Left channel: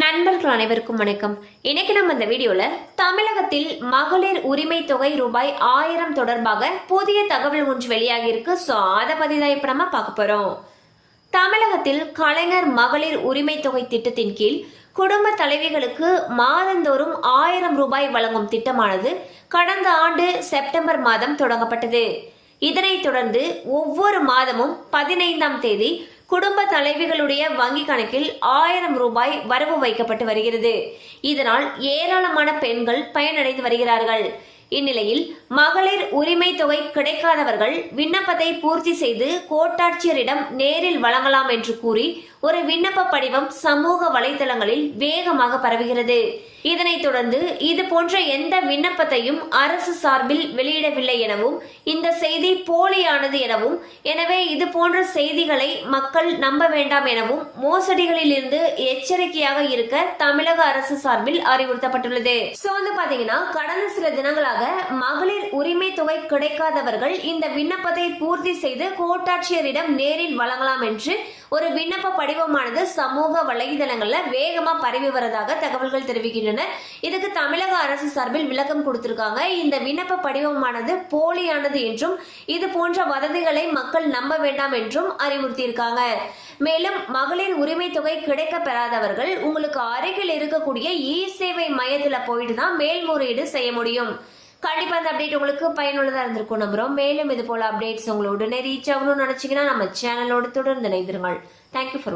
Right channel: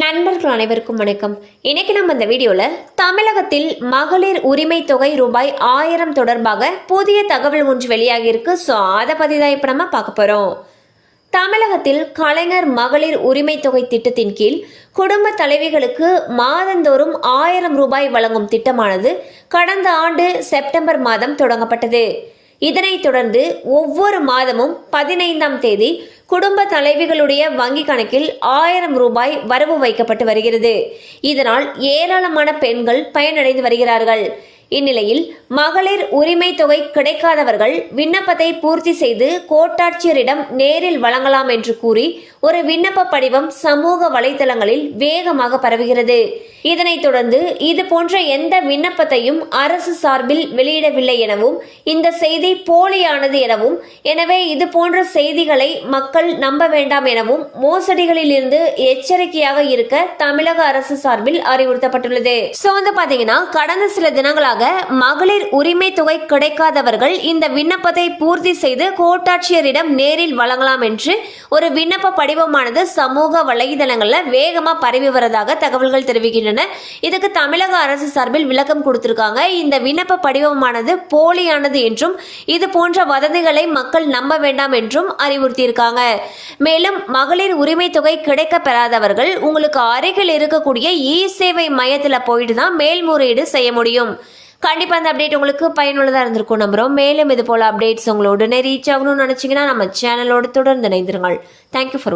நண்பர்கள் அனைவருக்கும் வணக்கம். இன்னைக்கு நம்ம இந்த வீடியோவில் தமிழகத்தில் மகளிர் உரிமை தொகை ரூபாய் ஆயிரம் தொடர்பாக புதிய தகவல் ஒன்று வெளியாகி இருக்கு. ஸோ அதை பற்றி தான் இப்போ நம்ம பார்க்க போகிறோம் தமிழகத்தில் கலைஞர் மகளிர் உரிமை தொகை திட்டத்தின் கீழ் குடும்ப தலைவிகளுக்கு மாதந்தோறும் ஆயிரம் ரூபாய் வழங்கும் திட்டமானது கடந்த ஆண்டு செப்டம்பர் மாதம் தொடங்கப்பட்டது. இதனைத் தொடர்ந்து ஒவ்வொரு மாதமும் பதினைந்தாம் தேதி குடும்ப தலைவிகளுடைய வங்கி கணக்கில் ஆயிரம் ரூபாய் வரவு வைக்கப்பட்டு வருகிறது. இதனால் ஏராளமான பெண்கள் பயனடைந்து வருகிறார்கள். இந்நிலையில் மகளிர் உரிமை தொகை கிடைக்காதவர்கள் விண்ணப்பத்தை பூர்த்தி செய்து கோட்டாட்சியரிடம் நேரில் வழங்கலாம் என்று கூறி ஒரு விண்ணப்ப படிவம் சமூக வலைதளங்களில் வேகமாக பரவுகிறது. இதனைத் தொடர்ந்து இது போன்ற எந்த விண்ணப்பத்தையும் அரசு சார்பில் வெளியிடவில்லை எனவும் இந்த செய்தி போலியானது எனவும் எனவே இது போன்ற செய்திகளை மக்கள் நம்ப வேண்டாம் எனவும் மோசடிகளில் இருந்து எச்சரிக்கையாக இருக்க தமிழக அரசு சார்பில் அறிவுறுத்தப்பட்டுள்ளது. சோ வந்து பாத்தீங்கன்னா கடந்த சில தினங்களாக மகளிர் உரிமை தொகை கிடைக்காதவர்கள் இந்த விண்ணப்பத்தை பூர்த்தி செய்து கோட்டாட்சியரிடம் நேரில் வழங்கலாம் என்று ஒரு விண்ணப்ப படிவமானது சமூக வலைதளங்கள்ல வேகமா பரவி வருவதாக தகவல்கள் தெரிவிக்கின்றன. இதுக்கு தமிழக அரசு சார்பில் விளக்கம் கொடுத்திருக்காங்க. இந்த விண்ணப்ப படிவமானது போலியானது என்றும் இது போன்ற வதந்திகளை மக்கள் நம்ப வேண்டாம் என்றும் அறிவுறுத்தியிருக்காங்க. மேலும் மகளிர் உரிமை தொகை கிடைக்க பெறாதவர்கள் உங்களுக்கு அருகில் இருக்கக்கூடிய இ சேவை மையத்தில் போயிட்டு தான் மேல்முறையீடு செய்ய முடியும். கண்டிப்பாக அந்த அப்டேட் உங்களுக்கு பயனுள்ளதாக இருந்திருக்கும் நம்புகிறோம் மேலும் இது போல் அப்டேட்ஸ் உங்களோட உடனே ரீச் ஆகணும்னு நினச்சிங்கன்னா நம்ம சேனலோடு தொடர்ந்து இணைந்திருங்கள். Thank you for